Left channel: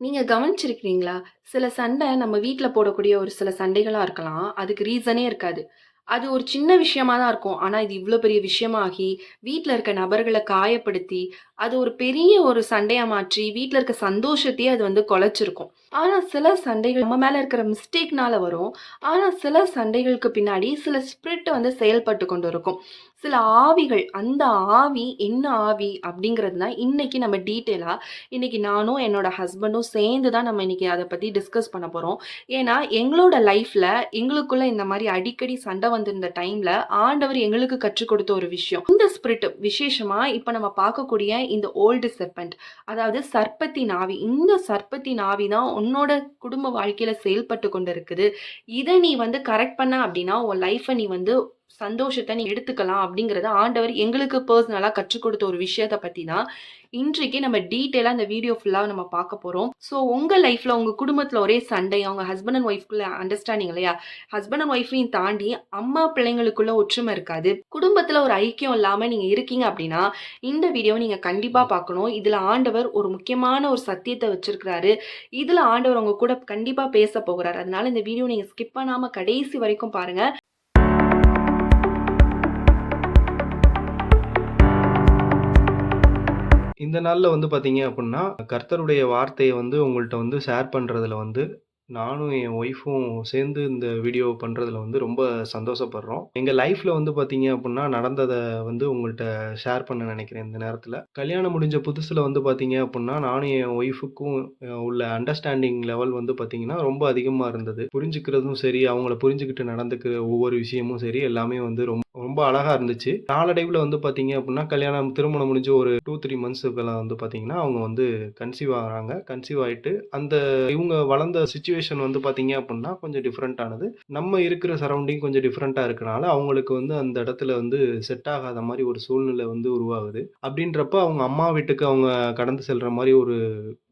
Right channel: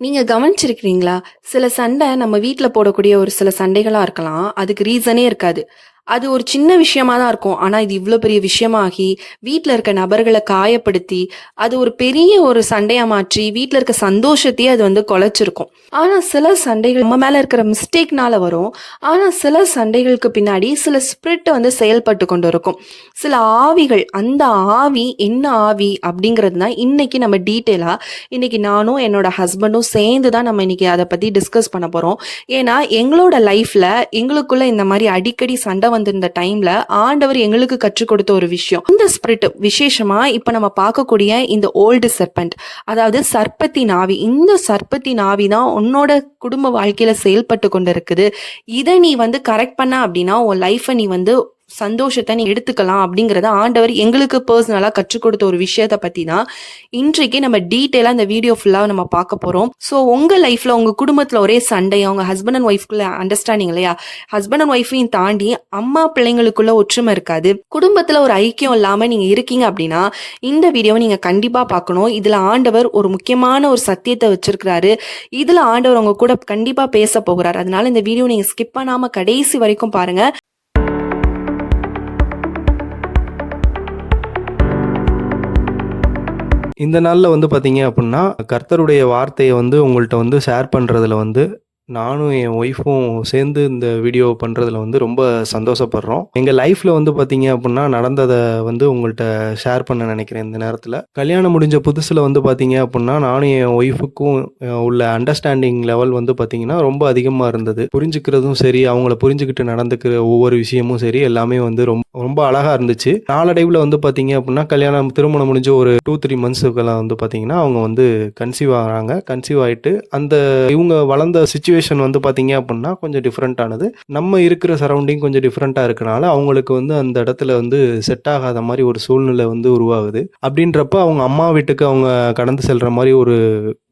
நீங்க கவனிச்சிருக்கிறீங்களா? சில சண்டை நம்ம வீட்ல போடக்கூடிய ஒரு சில சண்டைகளா இருக்கலாம். அதுக்கு ரீசனே இருக்காது. அது ஒரு சின்ன விஷயமா தான் இருக்கும். ஆனா, இது இவ்ளோ பெரிய விஷயமாகி, வீட்ல இருக்க நபர்கள காயப்படுத்தி, அது ஒரு பெரிய ஒரு சண்டையா மாற்றி, வீட்ல இருக்க சந்தோஷத்தையே அது வந்து குலைச்சிருக்கும். ஆனா, சில சண்டைகள் நம்ம மேல இருக்கிற மிஸ்டேக்னால வரும். ஆனா, சில சண்டைகளுக்கு பின்னாடி சில ஸ்பிரிட் வந்து செயல்பட்டு கொண்டு இருக்கும். சில ஆவிகள், அந்த ஆவி என்ன ஆவி அப்படிங்கிறது தான் இன்னைக்கு நம்ம டீட்டெயிலா இன்னைக்கு நானும் என்னோட ஹஸ்பண்டும் சேர்ந்து தான் நம்ம இன்னைக்கு அத பத்தி டிஸ்கஸ் பண்ண போறோம். ஏன்னா, எங்களோட லைஃப்ல எங்களுக்குள்ள இந்த மாரி அடிக்கடி சண்டை வந்திருந்த டைம்ல, ஆண்டவர் எங்களுக்கு கற்றுக் கொடுத்த ஒரு விஷயம். இந்த ஸ்பிரிட் விசேஷமா இப்ப நம்ம பார்க்கக்கூடிய இந்த ஓல்டு செர்பென்ட், அதாவது சர்ப்பத்தின் ஆவி. இந்த சர்ப்பத்தின் ஆவி தான் உன்னோட குடும்ப வாழ்க்கையில செயல்பட்டு கொண்டிருக்குது. இத நீ வந்து கரெக்ட் பண்ண அப்படின்னா, உன் லைஃப நீ வந்து சந்தோஷத்த நீ எடுத்துக்கலாம் அப்படிங்கிறத ஆண்டவர் எங்களுக்கு பெர்சனலா கற்றுக் கொடுத்த ஒரு விஷயத்த பத்தி தான் இன்றைக்கு நம்ம டீட்டெயிலா இந்த வீடியோ ஃபுல்லா நம்ம பார்க்க போறோம். ஸோ உங்க லைஃப்ல உங்க குடும்பத்துல ஒரே சண்டை, உங்க ஹஸ்பண்ட் அண்ட் ஒய்ஃப்குள்ள அண்டர்ஸ்டாண்டிங் இல்லையா? ஹஸ்பண்ட் அண்ட் ஒய்ஃபையும் தாண்டி அம்மா பிள்ளைங்களுக்குள்ள ஒற்றுமை இருக்காது. குடும்பத்துல ஒரு ஐக்கியம் இல்லாம நீங்க இருக்கீங்க அப்படின்னா, இந்த வீடியோவை நீங்க கண்டிப்பா பார்க்கணும். இதுல ஆண்டவர் ஒரு முக்கியமான ஒரு சத்தியத்தை வச்சிருக்கிறாரு. இதுல ஆண்டவர் உங்க கூட கண்டிப்பா பேச போகிறார். அதனால இந்த வீடியோ நீங்க ஸ்கிப் பண்ணாம கடைசி வரைக்கும் பாருங்க. இந்த நாள்ல வந்து பார்த்தீங்க அப்புட்ன்னா, கர்த்தருடைய வார்த்தைய வந்து உங்கள்ட்ட வந்து ஷேர் பண்றதுல வந்து, நானும் என் ஒய்ஃபும் சேர்ந்து இந்த வீடியோ பண்றதுல வந்து ரொம்ப சந்தோஷப்படுறோம். எங்க லைஃப்ல வந்து பார்த்தீங்க அப்புட்ன்னா, நடந்தத வந்து உங்கள்ட்ட ஷேர் பண்ண நெனைக்கிறேன் இந்த நேரத்தில. கல்யாணம் முடிஞ்ச புதுசுல வந்து பார்த்தீங்க அப்புட்ன்னா, நானும் என் ஒய்ஃபுக்கும் உள்ள அண்டர்ஸ்டாண்டிங் லெவல் வந்து பார்த்தீங்கன்னா, ரொம்ப அதிகமா இருந்தது. புரிஞ்சுக்கிறதும் சரி, அவங்கள புரிஞ்சுகிட்டு நடந்துக்கிற ஒவ்வொரு விஷயமும் சரி, எல்லாமே வந்து ரொம்ப ரொம்ப அழகா இருந்துச்சு. நாளடைவுல வந்து பார்த்தீங்க அப்புட்ன்னா, திருமணம் முடிஞ்சு ஒரு 2, 3 மந்த்ஸுக்கெல்லாம் வந்து பார்த்தீங்கன்னா, அவங்க வந்து கன்சீவ் ஆகுறாங்க. கன்சீவ் ஆயிட்டு அந்த இவுங்க வளர்ந்த சிச்சுவேஷன் வந்து பார்த்தீங்க அப்புட்ன்னா, கொஞ்சம் டிஃபரெண்ட் ஆனது. நம்ம இருக்கிற சரவுண்டிங் கொஞ்சம் டிஃபரெண்ட்டா இருக்கனால, அவங்களுக்கு வந்து அந்த இடத்துல வந்து செட் ஆகாத மாரி ஒரு சூழ்நிலை வந்து உருவாகுது. அப்படின்றப்ப அவங்க அம்மா வீட்டுக்கு அவங்க கடந்து செல்ற மாரி ஒரு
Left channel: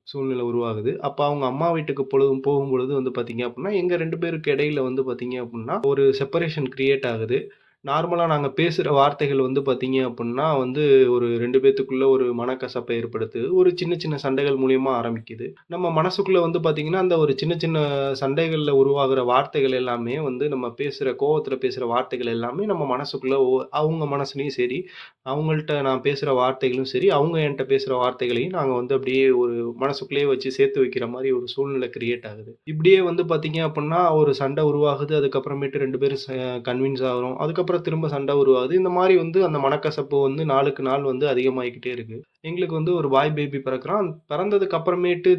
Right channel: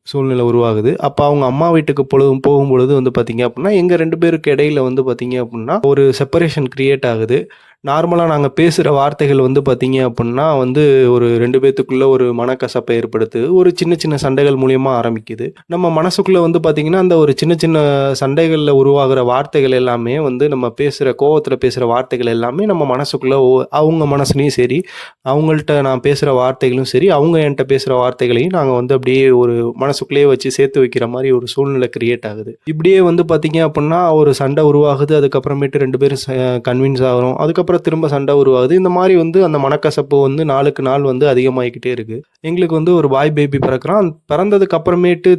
சூழ்நிலை உருவாகுது. அப்ப அவங்க அம்மா வீட்டுக்கு போகும்பொழுது வந்து பார்த்தீங்க அப்புட்ன்னா, எங்க 2 பேருக்கு இடையில வந்து பார்த்தீங்க அப்புட்ன்னா, ஒரு செப்பரேஷன் கிரியேட் ஆகுது. நார்மலா நாங்க பேசுற வார்த்தைகள் வந்து பார்த்தீங்க அப்புட்ன்னா வந்து, ஒரு 2 பேத்துக்குள்ள ஒரு மனக்கசப்ப ஏற்படுத்துது. ஒரு சின்ன சின்ன சண்டைகள் மூலியமா ஆரம்பிக்குது. நம்ம மனசுக்குள்ள வந்து பார்த்தீங்கன்னா, அந்த ஒரு சின்ன சின்ன சண்டைகள்ல உருவாகுற வார்த்தைகள் எல்லாமே வந்து நம்ம பேசுற கோவத்துல பேசுற வார்த்தைகள் எல்லாமே நம்ம மனசுக்குள்ள அவங்க மனசுலயும் சரி, அவங்கள்ட்ட நான் பேசுற வார்த்தைகளும் சரி, அவங்க என்ட்ட பேசுற வார்த்தைகளையும் நாங்க வந்து அப்படியே ஒரு மனசுக்குள்ளேயே வச்சு சேர்த்து வைக்கிற மாரி ஒரு சூழ்நிலை கிரியேட் ஆகுது. இப்படியே வந்து பார்த்தீங்க அப்புட்ன்னா, ஒரு சண்டை உருவாகுது. அதுக்கப்புறமேட்டு 2 பேரும் கன்வின்ஸ் ஆகுறோம். அதுக்கப்புறம் திரும்ப சண்டை உருவாகுது. இந்த மாரி வந்து அந்த மனக்கசப்பு வந்து நாளுக்கு நாள் வந்து அதிகமாயிக்கிட்டே இருக்கு. எங்களுக்கு வந்து ஒரு பாய் பேபி பிறக்குறான். பிறந்ததுக்கு அப்புறமேட்டு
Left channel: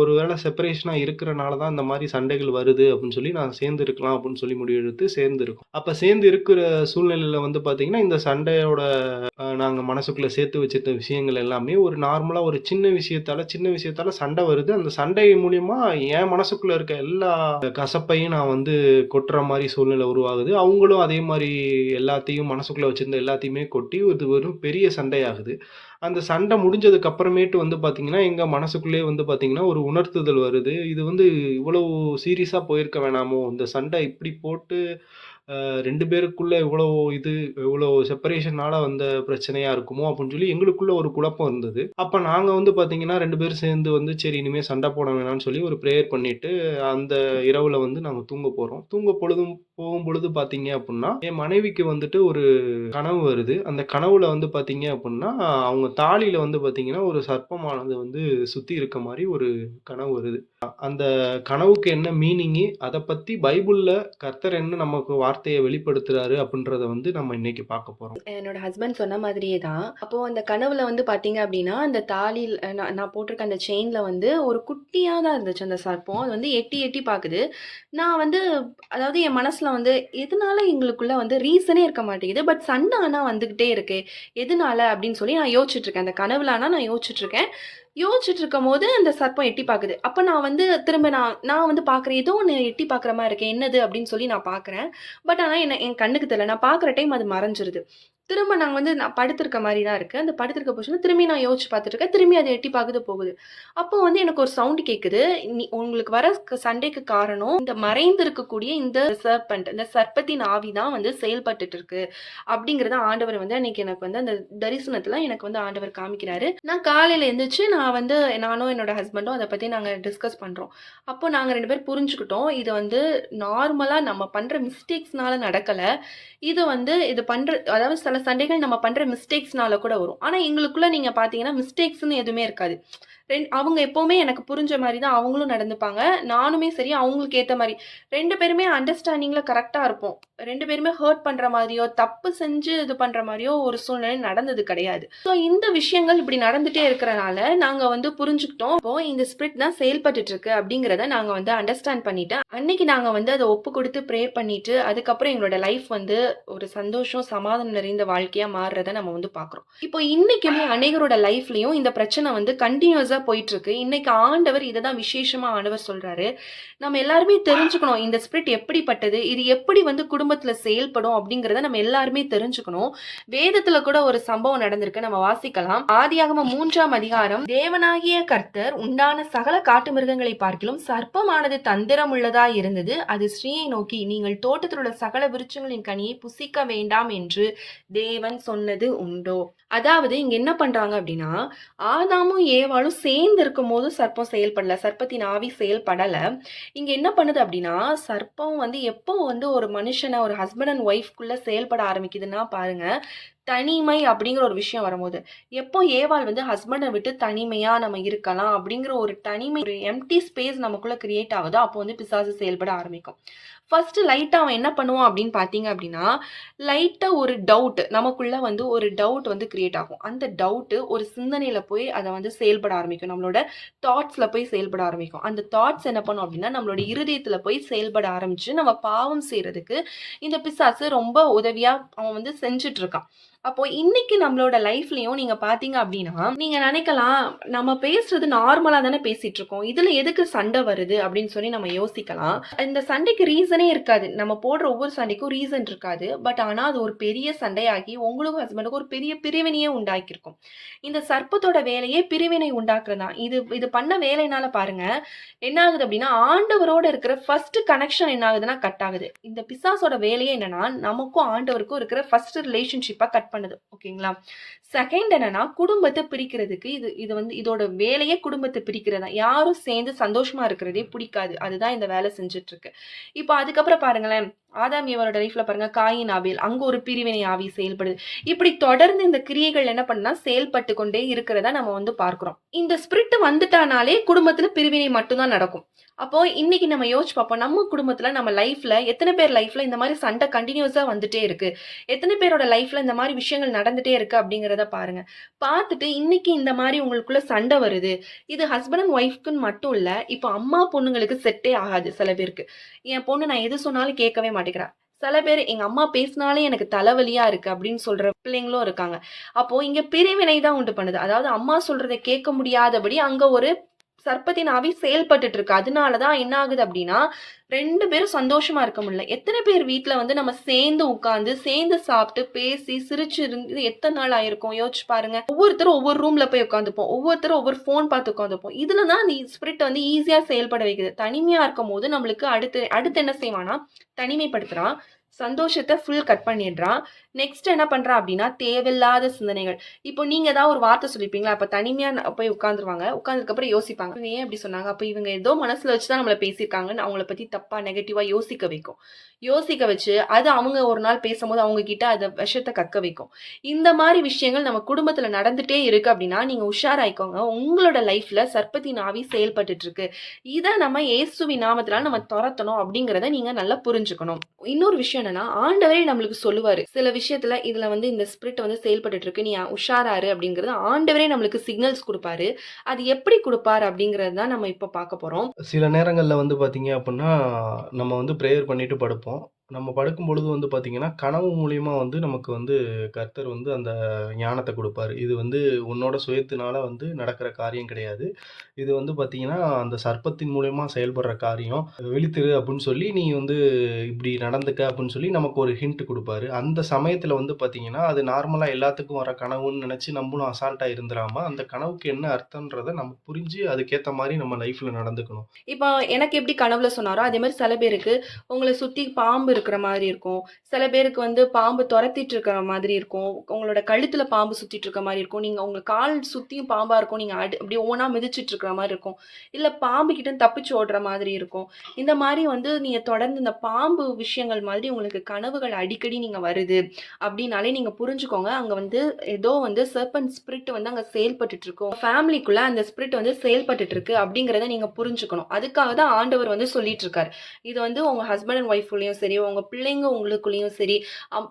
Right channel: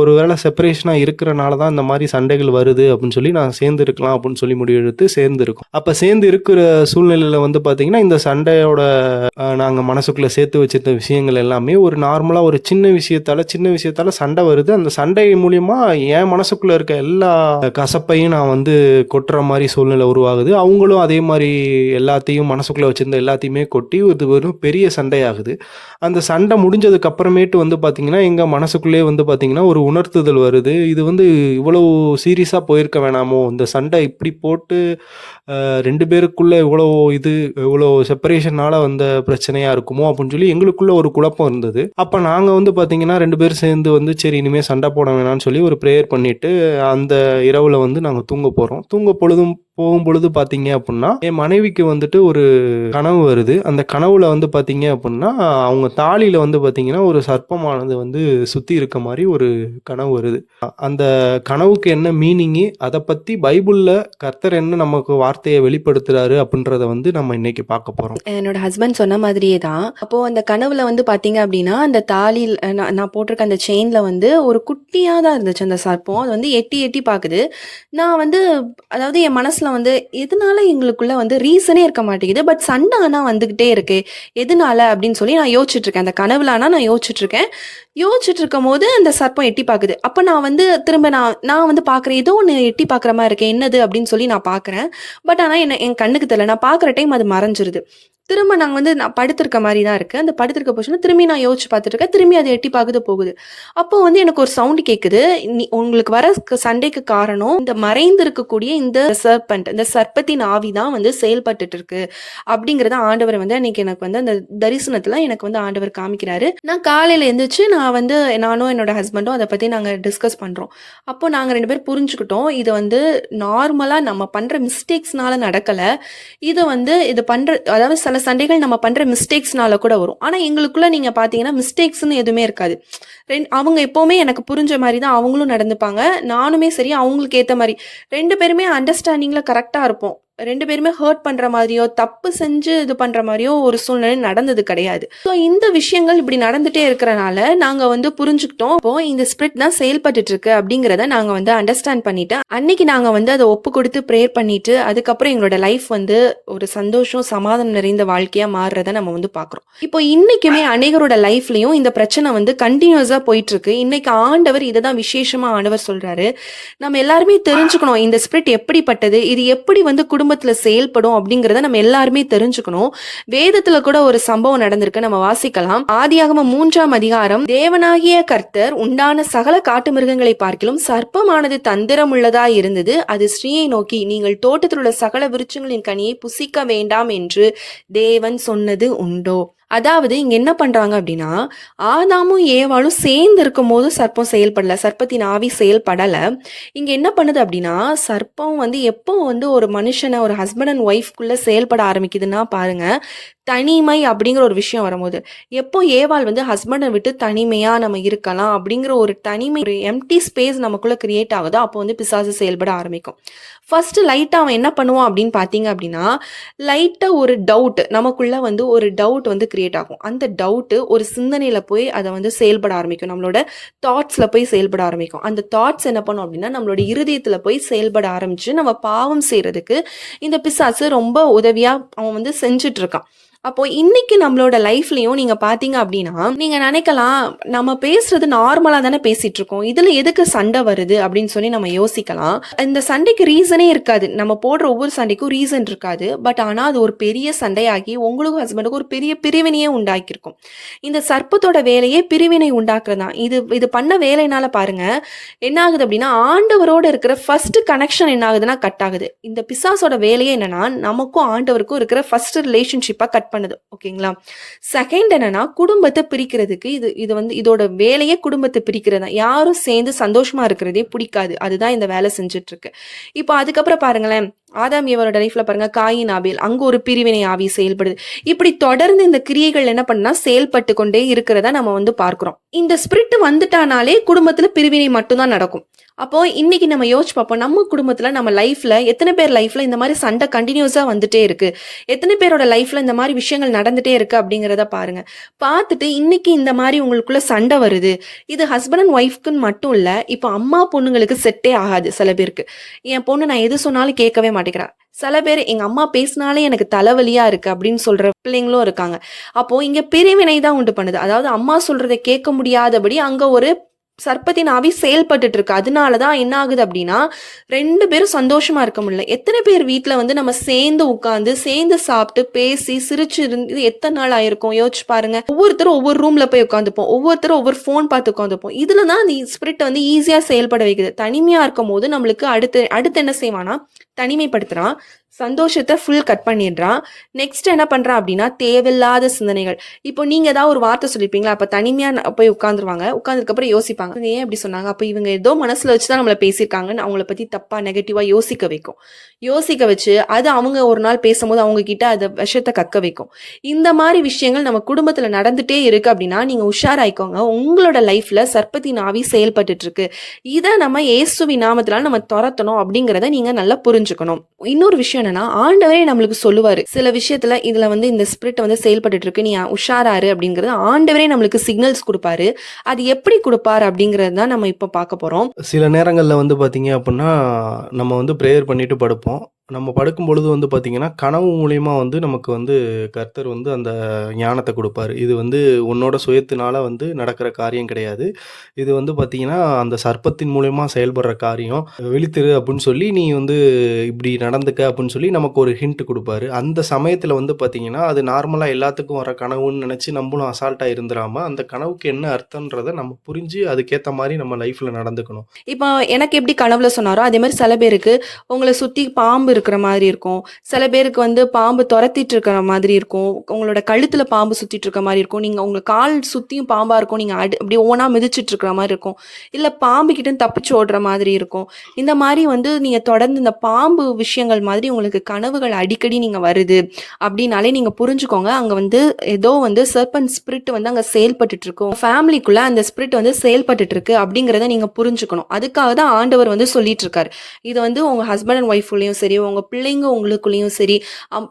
ஒரு வேளை செப்பரேஷனா இருக்கிறனால தான் இந்த மாரி சண்டைகள் வருது அப்படின்னு சொல்லி நான் சேர்ந்து இருக்கலாம் அப்படின்னு சொல்லி முடிவெடுத்து சேர்ந்து இருக்கோம். அப்ப சேர்ந்து இருக்கிற சூழ்நிலையில வந்து பார்த்தீங்கன்னா, இந்த சண்டையோட நாங்க மனசுக்குள்ள சேர்த்து வச்சிருந்த விஷயங்கள் எல்லாமே ஒரு நார்மலா ஒரு சின்ன விஷயத்தால சண்டை வருது. அந்த சண்டை மூலியமா என் மனசுக்குள்ள இருக்க எல்லா கசப்பையும் நான் வந்து கொட்டுற மாரி சூழ்நிலை உருவாகுது. அவங்களும் அதே மாரி எல்லாத்தையும் மனசுக்குள்ள வச்சிருந்த எல்லாத்தையுமே கொட்டி இது ஒரு பெரிய சண்டையாகுது. அந்த சண்டை முடிஞ்சதுக்கு அப்புறமேட்டு வந்து பார்த்தீங்கன்னா, எங்க மனசுக்குள்ளேயே வந்து பார்த்தீங்கன்னா, ஒரு உணர்த்துதல் வருது. இது வந்து இவ்வளவு சீரியஸா போயிருக்க வேணாமோ! இந்த சண்டை இப்படி போட்டு 2 பேருக்குள்ள இவ்வளோ செப்பரேஷனால வந்த பிரச்சனையா இருக்குமோ! அப்புட்ன்னு சொல்லி எங்களுக்குள்ள ஒரு குழப்பம் இருந்தது. அப்ப நாங்க வந்து பார்த்தீங்கன்னா, 2 பேரும் சேர்ந்து வந்து சரி இனிமே சண்டை போட வேணான்னு சொல்லி ஒரு பிரேயர் பண்ணிட்டு, அந்த இரவுல வந்து நாங்க தூங்க போறோம். போகும்பொழுது பார்த்தீங்க அப்புட்ன்னா, என் மனைவிக்கு வந்துட்டு ஒரு கனவு வருது. அந்த கனவுல வந்து பார்த்தீங்க அப்புட்ன்னா, அவங்க தாலில வந்து பார்த்தீங்கன்னா, ஒரு சர்ப்பமானது வந்து சுத்தி இருக்க மாரி ஒரு கனவு வருது. அந்த கனவுக்கு என்ன மீனிங்கு, அத பத்தி பைபிள்ல கர்த்தர் என்ன நமக்கு வார்த்தைய வெளிப்படுத்துறாரு அப்டின்றத வந்து நம்ம இன்னைக்கு பார்க்க போறோம். என்னோட ஹஸ்பண்ட் சொன்ன மாதிரியே தான். அப்போ அந்த கனவுல வந்து பார்த்தீங்க அப்டின்னா, அந்த தாலில் நான் நான் போட்டிருக்க அந்த செயின்ல வந்து ஒரு குட்டியா தான் இருந்துச்சு அந்த சர்ப்பம். அது வந்து எட்டி எட்டி பாக்குது. நான் வந்து அதாவது என் மனசுல வந்து எதனால எங்களுக்குள்ள வந்து ரீசனே இருக்க மாட்டேங்குது. பட் சண்டை ஆனா வந்துகிட்டே இருக்கு. எதனால அப்டின்னு சொல்லி நான் யோசிச்சுட்டு இருக்கேன். அந்த கனவுல ஆனா நான் யோசிச்சுட்டு இருக்கேன். யோசிச்சுட்டு இருக்கும்போது அந்த சர்ப்பம் எட்டி பாக்குது. அப்ப நான் வந்து திரும்ப நான் நான் வந்து பாக்குறேன். ஏதோ ஒண்ணு எட்டி பாக்குற மாரி இருக்கே. என்னது அப்டின்னு சொல்லி நான் பாக்குறேன். பட் ஆனா என் கண்ணுக்கு தெரியல. நான் பாக்குற டைம் அது மறைஞ்சிருது. திரும்ப நாங்க வந்து நான் படுத்திருக்க மாரி தான் இருக்கு. அந்த படுத்திருக்க பொசிஷன்ல திரும்பி நான் யோசிச்சு பார்த்துட்டு இருக்கேன். திரும்பி அது எட்டி பாக்குது போகுது. அப்போ வந்து எனக்கு ஒரு சவுண்ட் கேட்குது. உங்களுக்கு வர சண்டைக்கு காரணம் இந்த மறைந்து இருக்கக்கூடிய இந்த சர்பென்ட், இந்த சர்ப்பத்தின் ஆவி தான் வந்து செயல்பட்டுட்டு இருக்கு. அப்படிங்கிறத ஆண்டவர் வந்து அன்னைக்கு எனக்கு வந்து அந்த தரிசனத்துல எனக்கு வந்து ஆண்டவர் காமிக்கிறாரு. நான் காலையில எந்திரிச்சு நான் வந்து நானும் என்னோட ஹஸ்பண்டும் அத பத்தி நாங்க டிஸ்கஸ் பண்றோம். அப்போ நாங்க 2 பேரும் புரிஞ்சுக்கிட்டோம். இது வந்து நார்மலா நம்ம பண்ற மிஸ்டேக்ஸ்னால நடக்கல. இது பண்ற அதாவது சில சண்டைகள் நம்ம பண்ற மிஸ்டேக்ஸ்னால கூட வரும். ஆனா எங்களுக்குள்ள நீங்க பார்த்தீங்கன்னா, மிஸ்டேக்ஸ்ன்னு எதுவுமே இருக்காது. அவங்க எப்பவுமே எனக்கு புரிஞ்ச மாரி தான் அவங்களும் நடந்துப்பாங்க. நானுமே சரி, அவங்களுக்கு ஏத்த மாரி. 2 பேருமே அண்டர்ஸ்டாண்டிங்ல கரெக்ட்டா இருப்போம். 2 பேருமே ஹர்ட் பண்ற மாதிரியோ, தப்பு செஞ்சு இது பண்ற மாரியோ ஒரு சூழ்நிலை நடந்தது கிடையாது. ஸோ இந்த விஷயங்கள் இப்படி நடந்துட்டே இருக்கிறனால, நாங்க வந்து புரிஞ்சுக்கிட்டோம். அப்போ இந்த ஸ்பிரிட் தான் செயல்பட்டுட்டு இருக்கு அப்படிங்கிறத நாங்க வந்து அண்டர்ஸ்டாண்ட் பண்ணிட்டு, அன்னைக்கு நாங்க வந்து அத ஒப்பு கொடுத்து பிரேயர் பண்ணிட்டு, அதுக்கப்புறம் எங்களோட லைஃப் வந்து ஒரு சந்தோஷம், சமாதானம் நிறைந்த வாழ்க்கையா மாறுறத நம்ம வந்து பார்க்குறோம். இப்போ இன்னைக்குமே அநேகரோட லைஃப்லயும் இந்த பிரச்சனை வந்து கன்டினியூஸா போயிட்டு இருக்கு. இன்னைக்கு ஆண்டவர் இத தான் விசேஷமா ஆண்டவர் சொல்றாரு. நம்ம எல்லாருமே தெரிஞ்சுக்கணும். இந்த ஸ்பிரிட் எப்படிப்பட்டது? இது எப்படி வந்து குடும்பத்துல செயல்படும் அப்படிங்கிறத நம்ம எல்லாருமே தெரிஞ்சுக்கணும். வேதத்துல கூட ஒரு சம்பவம் நடந்திருக்கு. நம்ம வாசிக்கலாம். ஆதியாகமம் 3ஆம் அதிகாரம். தேவனாகிய கர்த்தர் உண்டான சகல காட்டு மிருகங்களை பார்க்கிலும் சர்ப்பமானது தந்திரம் உள்ளதாய் இருந்தது. அது ஸ்திரீயை நோக்கி, நீங்கள் தோட்டத்தில் உள்ள சகல விருட்சங்களின் கனியை புசிக்க வேண்டாம் என்று தேவன் சொன்னது உண்டோ? அதாவது இங்க என்ன பண்றாங்க அப்படின்னா, ஆதாமும் ஏவாளும் சேர்ந்து இருக்கும்போது சர்ப்பம் செயல்படல. சர்ப்பத்தின் ஆவி செயல்படல. இங்க என்ன பண்ணுது அப்படின்னா, சர்ப்பம் வந்து எப்போ வந்து ஒரு மனுஷன ஒரு ஹஸ்பண்ட் அண்ட் ஒய்ஃப்குள்ள செயல்பட ஆரம்பிக்குதுன்னா பாருங்க, தனிமை அப்படிங்கிற ஒரு விஷயம் வரும்போது. எப்போ ஏவாள் வந்து ஹஸ்பண்ட விட்டு தனிமையா நம்ம இருக்கலாம் அப்படிங்கிற ஒரு தனிமை, ஒரு எம்ப்டி ஸ்பேஸ் நமக்குள்ள கிரியேட் ஆகுதோ, அப்போ வந்து பிசாசு செயல்பட ஆரம்பிக்கும். ஃபர்ஸ்ட் லைட்டா அவன் என்ன பண்ணுவான் அப்படின்னு பார்த்தீங்க அப்படின்னா, லைட்டா ஒரு டவுட் நமக்குள்ள வந்து ஒரு டவுட் வந்து கிரியேட் ஆகும். அந்த டவுட் ஒரு சிந்தனையில போய் அத வந்து செயல்பட ஆரம்பிக்கும். நம்மளோட தாட்ஸ்ல போய் செயல்பட ஆரம்பிக்கும். அந்த தாட்ஸ் என்ன பண்ணும் அப்படின்னா, நம்மளோட இருதயத்துல போய் செயல்பட ஆரம்பிச்சு, நம்ம பாவம் செய்றதுக்கு இந்த பிசாசு ரொம்ப உதவியா அவன் வந்து செஞ்சுட்டு இருக்கான். அப்போ இன்னைக்கு நம்மளோட லைஃப்லயும் நீங்க பார்த்தீங்க அப்படின்னா, நீங்க நினைக்கலாம், நம்ம பேசுறது நார்மலா தானே பேசிட்டு இருக்கோம். இதுல எதுக்கு சண்டை வருது அப்படின்னு சொல்லி நம்ம யோசிக்கலாம். இந்த சண்டைக்கு ரீசனே இருக்காது. நம்ம போடுற ஒவ்வொரு சண்டைக்கும் ரீசன் இருக்காது. பட் ஆனா அது ஒரு பெரிய சண்டையாகி உங்களுக்கும் ஹஸ்பண்டுக்கும் ஒரு பெரிய பிரிவினையே உண்டாக்கியிருக்கும். இந்த சர்ப்பத்தோட வேலையே பிரிவினை உண்டாக்குறது தான். இது பண்ண வேலைனால பாருங்க, என்ன ஆகுது அப்படின்னா, ஆண்டவரோட இருக்கிற ஃபர்ஸ்ட் கனெக்ஷன் என்ன ஆகுதுன்னா கட் ஆகுது. இந்த பிசாசோட வேலையே என்னன்னா, நமக்கும் ஆண்டவருக்கும் இருக்கிற ஃபர்ஸ்ட் ரிலேஷன்ஷிப்பா கட் பண்ணுது. ஓகேங்களா? செகண்ட் என்னன்னா, குடும்பத்தை பிரிக்கிறதுக்கு இது வந்து இதோட வேலையே குடும்பத்தை பிரிக்கிறது தான். யாரும் சேர்ந்து சந்தோஷமா இருக்கிறதே பிடிக்காது. அதுதான் இந்த வேலை செஞ்சுட்டு இருக்கு. இப்போ அதுக்கப்புறம் பாருங்களேன், ஆதாம் ஏவாளோட லைஃப்ல பாருங்க, காயின் ஆபேல், அங்க ஒரு பிரிவினை ஆவி செயல்படுது. இப்படி தொடர்ந்து இந்த கிரியைகள் என்ன பண்ணா செயல்பட்டு கொண்டே இருக்கிறத நம்ம வந்து பார்க்கிறோம். இந்த ஸ்பிரிட் வந்துட்டானாலே குடும்பத்துல பிரிவினை மட்டும் தான் நடக்கும். அப்போ இன்னைக்கு நம்ம யோசிச்சு பார்ப்போம், நம்ம குடும்பத்துல நம்ம லைஃப்ல எத்தனை பேர் லைஃப்ல இந்த மாதிரி சண்டை கண்டினியூஸா வந்துட்டே இருக்கு, எத்தனை பேரோட லைஃப்ல இந்த மாதிரி விஷயங்கள் நடந்துட்டே இருக்கு அப்படிங்கிறத பாருங்க. பார்த்துட்டு இன்னைக்கு இந்த மாதிரி உங்களுக்குள்ள சண்டை வருது, இது ஹஸ்பண்ட் அண்ட் ஒய்ஃப்க்குன்னு மட்டும் இல்ல, இப்போ அம்மா பொண்ணுங்களுக்கு செட்டே ஆகாது. சில பேருக்கு, என் பொண்ணு நான் எது சொன்னாலும் கேட்கவே மாட்டேங்கிறா, சில பேர் எங்க அம்மா பேசினாலே எனக்கு தலைவலியா இருக்கு அப்படின்னு சொல்ற பிள்ளைங்களும் இருக்காங்க. அப்போ இங்க பிரிவினை தான் உண்டு பண்ணுது. அதாவது அம்மா சொல்றதை கேட்க முடியாதபடி அங்க ஒரு சர்ப்பத்தின் ஆவி செயல்பட்டுட்டு இருக்கு. அதனாலதான் என்ன ஆகுது அப்படின்னா, 2 பேரும் சந்தோஷமா இருக்க முடியல. எத்தனை பேர் வீட்ல வந்து நம்ம சேர்ந்து உட்கார்ந்து சேர்ந்து சாப்பிட்டு பேசி சிரிச்சு இருந்து எத்தனை நாள் ஆயிருக்கும் யோசிச்சு பாருங்க. ஒவ்வொருத்தரும் ஒவ்வொரு ரூம்ல போய் உட்காந்துப்போம், ஒவ்வொருத்தரும் ஒவ்வொரு போன் பார்த்து உட்காந்துப்போம். இதுலதான் அந்த ஸ்பிரிட் வந்து ஈஸியா செயல்பட வைக்குது. தனிமையா இருக்கும் போது நம்மளுக்கு அடுத்து அடுத்து என்ன செய்வானா, தனிமைப்படுத்துறான், சந்தோஷத்தை ஃபுல் கட் பண்ணிடுறான். நெக்ஸ்ட் என்ன பண்றான் அப்படின்னா, தேவையில்லாத சிந்தனைகள். இப்போ நீங்க ஏதாவது ஒரு வார்த்தை சொல்லிருப்பீங்களா, அப்ப தனிமையா போய் உட்காந்துருவாங்க. உட்கார்ந்ததுக்கு அப்புறம் யோசிப்பாங்க, இவங்க ஏன் அப்படி சொன்னாங்க, அப்ப இவங்க ஏதோ மனசுல வச்சுதான் நம்மள பேசியிருக்காங்கன்னு அவங்கள பத்தி தப்பா நெகட்டிவா யோசிக்க வைக்கும். யோசிக்க வச்சு அது அவங்க ஒரு நாள் பேசும்போது அவங்க கிட்ட அதை விஷத்தை கக்க வைக்கும். இந்த மாதிரி விஷயங்கள் நம்ம குடும்பத்துல நடந்துட்டே இருக்கு அப்படின்னா, நீங்க உஷாராயிக்கோங்க. உங்களோட லைஃப்ல சர்ப்பத்தின் ஆவி செயல்பட்டுட்டு இருக்கு. இதை நம்ம இயேசுவின் நாமத்தினால நம்ம துரத்தணும் அப்படிங்கிறத நீங்க நல்லா புரிஞ்சுக்கணும். இன்னொரு விஷயம் என்னன்னா, ஆண்டவரே நம்மளுக்கு சொல்லுவாரு, சில விஷயத்துல இதுல வந்து இந்த ஸ்பிரிட் வந்து செயல்பட்டு இருக்கு, நீ உஷாராரு அப்படிங்கறது ஆண்டவரே நம்மளுக்கு சிக்னல்ஸ் கொடுப்பாரு. அது எப்படி கொடுப்பாரு அப்படிங்கறது தான் நம்ம இப்ப பார்க்க போறோம். சில நேரங்கள்ல வந்து பார்த்தீங்க அப்படின்னா, நம்ம வந்து ப்ரேயர் பண்ணிட்டு படுப்போம். நம்ம படுக்கும் பொழுது வந்து பார்த்தீங்கன்னா, கனவு மூலியமா வந்து நமக்கு வந்து கர்த்தர் வந்து அந்த ஞானத்த குடுப்பாரு. இது வந்து உன்னோட சுயத்தினால வந்து நடக்கிற காரியம் கிடையாது. இது வந்து பார்த்தீங்கன்னா, அந்த சர்ப்பத்தின் மூலியமா செயல்படுற காரியம். "விழித்திரு" அப்புட்ன்னு சொல்லி, "நீ வந்து இப்படி நடந்துக்க" அப்புட்ன்னு சொல்லி நமக்கு ஒரு ஹிண்ட் குடுப்பாரு. அந்த சமயத்தில வந்து பார்த்தீங்கன்னா, அது நார்மலா எல்லாத்துக்கும் வர கனவுன்னு நெனச்சு நம்பளும் அசால்ட்டா இருந்துராம, அந்த கனவுக்கு என்ன அர்த்தம்ன்றத நம்ம புரிஞ்சு, அதுக்கேத்த மாரி நம்ம லைஃப்ல நடந்துக்கணும். இப்போ எனக்கு எப்படி கனவுல சொன்னாரோ, அதே மாரி சில பேருக்கு உங்கள சுத்தி பாம்பு இருக்கிற மாதிரி இருக்கும். சில பேருக்கு வந்து பாம்பு தொரத்திட்டு இருக்கிற மாதிரி இருக்கும். உங்களோட கழுத்துல பாம்பு சுத்திட்டு இருக்க மாரி இருக்கும். நீங்க உங்க கால் சுத்தியும் பாம்பா இருக்கும். நீங்க அப்படியே ஓனா மிதிச்சிட்டு இருக்கிற மாரி இருக்கும். இல்ல பாம்பு கிட்டருந்து தப்பிச்சு ஓடுற மாதிரி இருக்கும். இந்த மாரி வந்து நீங்க தொடர்ந்து இந்த பாம்பு விஷயங்கள் மாதிரி உங்களுக்கு கனவுகள் அடிக்கடி நீங்க வருது அப்படின்னாலே நீங்க புரிஞ்சுக்கோங்க. அங்க வந்து ஏதோ வந்து சர்பென்ட் ஸ்பிரிட் வந்து அங்க செயல்பட்டுட்டு இருக்கு. ஃபேமிலிக்குள்ள அந்த ஸ்பிரிட் வந்து செயல்பட்டுட்டு இருக்கு அப்படிங்கிறத நீங்க புரிஞ்சுக்கணும். அதுக்காக தான் ஆண்டவர் வந்து சொல்லிட்டு இருக்காரு. இது வந்து உங்க ஹஸ்பண்ட் அண்ட் ஒய்ஃப்குள்ளயும் சரி, உங்க பிள்ளைங்க உங்களுக்குள்ளயும் சரி,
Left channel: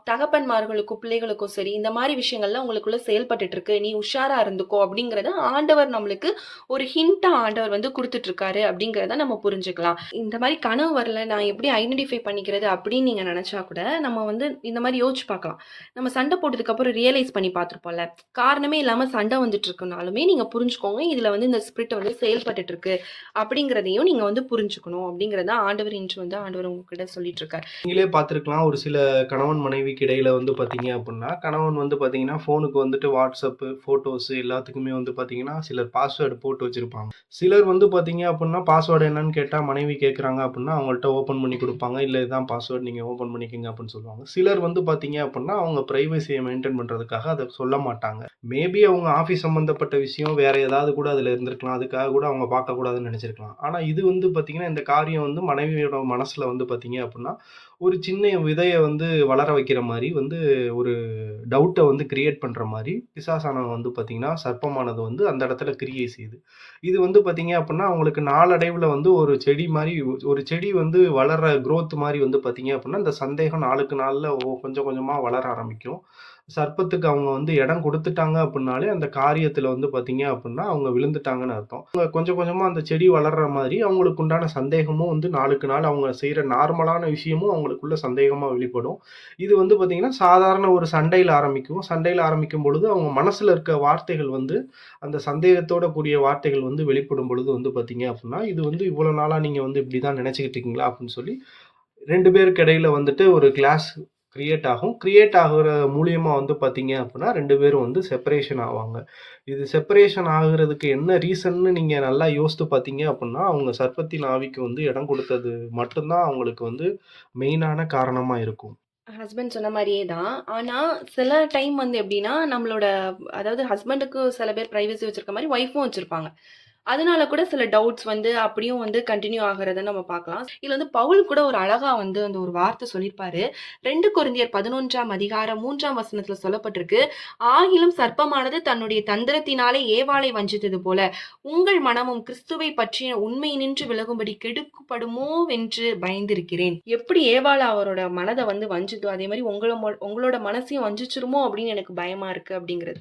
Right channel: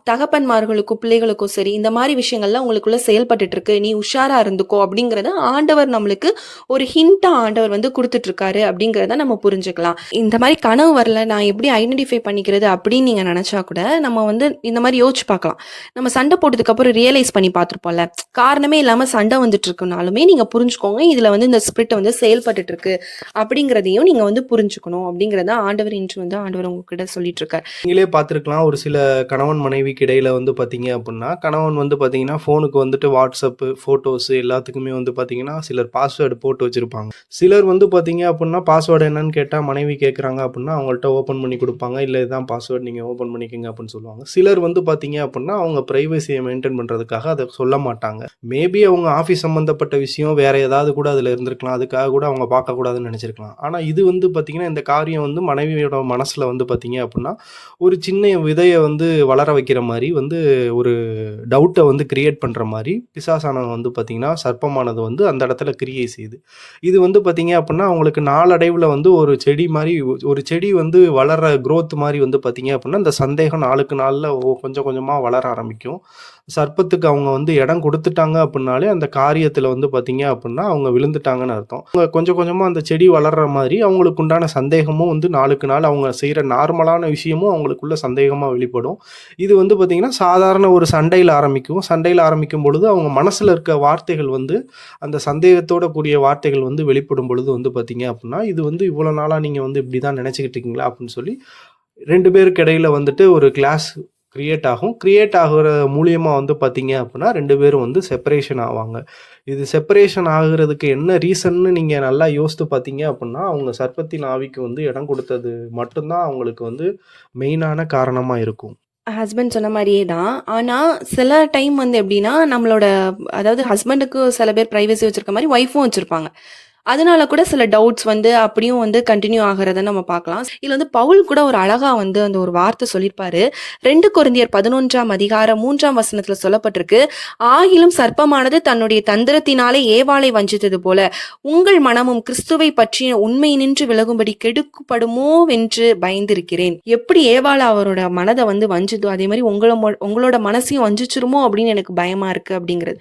தகப்பன்மார்களுக்கும், பிள்ளைகளுக்கும் சரி, இந்த மாரி விஷயங்கள்லாம் உங்களுக்குள்ள செயல்பட்டுட்டு இருக்கு. நீ உஷாரா இருந்துக்கோ அப்படிங்கிறத ஆண்டவர் நம்மளுக்கு ஒரு ஹிண்ட்டா ஆண்டவர் வந்து குடுத்துட்டு இருக்காரு அப்படிங்கிறத நம்ம புரிஞ்சுக்கலாம். இந்த மாரி கனவு வரல, நான் எப்படி ஐடென்டிஃபை பண்ணிக்கிறது அப்படின்னு நீங்க நெனச்சா கூட, நம்ம வந்து இந்த மாரி யோசிச்சு பார்க்கலாம். நம்ம சண்டை போட்டதுக்கு அப்புறம் ரியலைஸ் பண்ணி பார்த்துருப்போம்ல. காரணமே இல்லாம சண்டை வந்துட்டு இருக்குனாலுமே நீங்க புரிஞ்சுக்கோங்க. இதுல வந்து இந்த ஸ்பிரிட் வந்து செயல்பட்டுட்டு இருக்கு. அப்படிங்கிறதையும் நீங்க வந்து புரிஞ்சுக்கணும். அப்படிங்கிறத ஆண்டவர் இன்று வந்து ஆண்டவர் உங்ககிட்ட சொல்லிட்டு இருக்காரு. நீங்களே பார்த்துருக்கலாம். ஒரு சில கணவன் மனைவிக்கு இடையில வந்து பார்த்தீங்க அப்புட்ன்னா, கணவன் வந்து பார்த்தீங்கன்னா, ஃபோனுக்கு வந்துட்டு WhatsApp, ஃபோட்டோஸ் எல்லாத்துக்குமே வந்து பார்த்தீங்கன்னா, சிலர் பாஸ்வேர்டு போட்டு வச்சிருப்பாங்க. சிலர் வந்து பார்த்தீங்க அப்புட்ன்னா, பாஸ்வேர்டு என்னன்னு கேட்டா மனைவி கேட்குறாங்க அப்புட்ன்னா, அவங்கள்ட்ட ஓப்பன் பண்ணி குடுப்பாங்க. இல்ல இதுதான் பாஸ்வேர்ட் நீங்க ஓப்பன் பண்ணிக்கங்க அப்புட்ன்னு சொல்லுவாங்க. சிலர் வந்து பார்த்தீங்க அப்புட்ன்னா, அவங்க பிரைவசிய மெயின்டெயின் பண்றதுக்காக அத சொல்ல மாட்டாங்க. மேபி அவங்க ஆஃபீஸ் சம்மந்தப்பட்ட விஷயம் வேற ஏதாவது கூட அதுல இருந்திருக்கலாம். அதுக்காக கூட அவங்க பார்க்கக்கூடாதுன்னு நெனச்சிருக்கலாம். ஆனா இது வந்து பார்த்தீங்கன்னா, இந்த காரியம் வந்து மனைவியோட மனசுல வந்து பார்த்தீங்க அப்புட்ன்னா, ஒரு சின்ன விதைய வந்து வளர வைக்கிற மாரி வந்து ஒரு டவுட்ட வந்து கிரியேட் பண்ற மாரி, பிசாசானவன் வந்து பார்த்தீங்கன்னா, சர்ப்பமானது வந்து அந்த இடத்துல கிரியை செய்யுது. இது வந்து பார்த்தீங்க அப்புட்ன்னா, அவங்களுக்கு நாளடைவுல வந்து ஒரு செடி மாரி ஒரு செடி வந்து வளர்ற குரோத் மாரி வந்து பார்த்தீங்க அப்புட்ன்னா, இந்த சந்தேகம் நாளுக்கு நாள்ல கொஞ்சம் கொஞ்சமா வளர ஆரம்பிக்கும். சர்ப்பத்துக்கு அவங்க வந்து இடம் குடுத்துட்டாங்க அப்புட்னாலே, அந்த காரியத்துல வந்து பார்த்தீங்க அப்புட்ன்னா, அவங்க விழுந்துட்டாங்கன்னு அர்த்தம். அவங்க கொஞ்சம் கொஞ்சமா அந்த செடி வளர்ற மாரி, அவங்களுக்கு உண்டான சந்தேகமும் வந்து நாளுக்கு நாள் அவங்க செய்ற நார்மலான விஷயமும் அவங்களுக்குள்ள சந்தேகமா வெளிப்படும். இது வந்து பார்த்தீங்கன்னா, சாதாரண ஒரு சண்டையில ஆரம்பிக்கும். சண்டையில ஆரம்பிக்கும் பொழுது, அவங்க மனசுல இருக்க வார்த்தைகள் வந்து, அந்த சந்தேகத்தோட கூடிய வார்த்தைகள் வந்து வெளிப்படும் பொழுது வந்து பார்த்தீங்க அப்புட்ன்னா, "இது வந்து இவ்வளோ நாளா நீங்க வந்து இப்படி தான் நெனச்சுக்கிட்டு இருக்கீங்களா?" அப்படின்னு சொல்லி 2 பேருக்கு இடையில வந்துட்டு ஒரு கிளாஸ் கிரியேட் ஆகும். கிரியேட் ஆகுற மூலியமா வந்து பார்த்தீங்க அப்புட்ன்னா, 2 பேரும் வந்து செப்பரேஷன் ஆவாங்க. இது செப்பரேஷன் ஆகுறதுக்கு என்ன ரீசன்னு நீங்க நல்லா யோசித்து பார்த்தீங்க அப்புட்ன்னா, அவங்க சர்ப்பத்தின் ஆவிக்கு வந்து இடம் குடுத்தது மட்டும் தான் அவங்களுக்கு வந்து மெயினான காரணமா இருக்கும். ஹஸ்பண்ட் சொன்ன மாரியே தான். ஆனா, சில டைம் வந்து எப்படின்னா, நம்மளோட அதாவது ஹஸ்பண்டுக்கு சில பேர் பிரைவசி வச்சிருக்க மாரி ஒய்ஃபும் வச்சிருப்பாங்க. அதனால கூட சில டவுட்ஸ் வந்து அப்படியும் வந்து கன்டின்யூ ஆகுறத நம்ம பார்க்கலாம். இதுல வந்து பவுல் கூட ஒரு அழகா வந்து அந்த ஒரு வார்த்தை சொல்லியிருப்பாரு. 2 கொரிந்தியர் 11ஆம் அதிகாரம் 3ஆம் வசனத்துல சொல்லப்பட்டிருக்கு. "ஆகிலும் சர்ப்பமானது தன்னுடைய தந்திரத்தினாலே ஏவாளை வஞ்சித்தது போல, உங்கள் மனமும் கிறிஸ்துவை பற்றிய உண்மையினின்று விலகும்படி கெடுக்கப்படுமோவென்று பயந்திருக்கிறேன்." எப்படி ஏவாள் அவரோட மனத வந்து வஞ்சுதோ, அதே மாரி உங்களோட மனசையும் வஞ்சிச்சுருமோ அப்படின்னு எனக்கு பயமா இருக்கு அப்படிங்கிறது.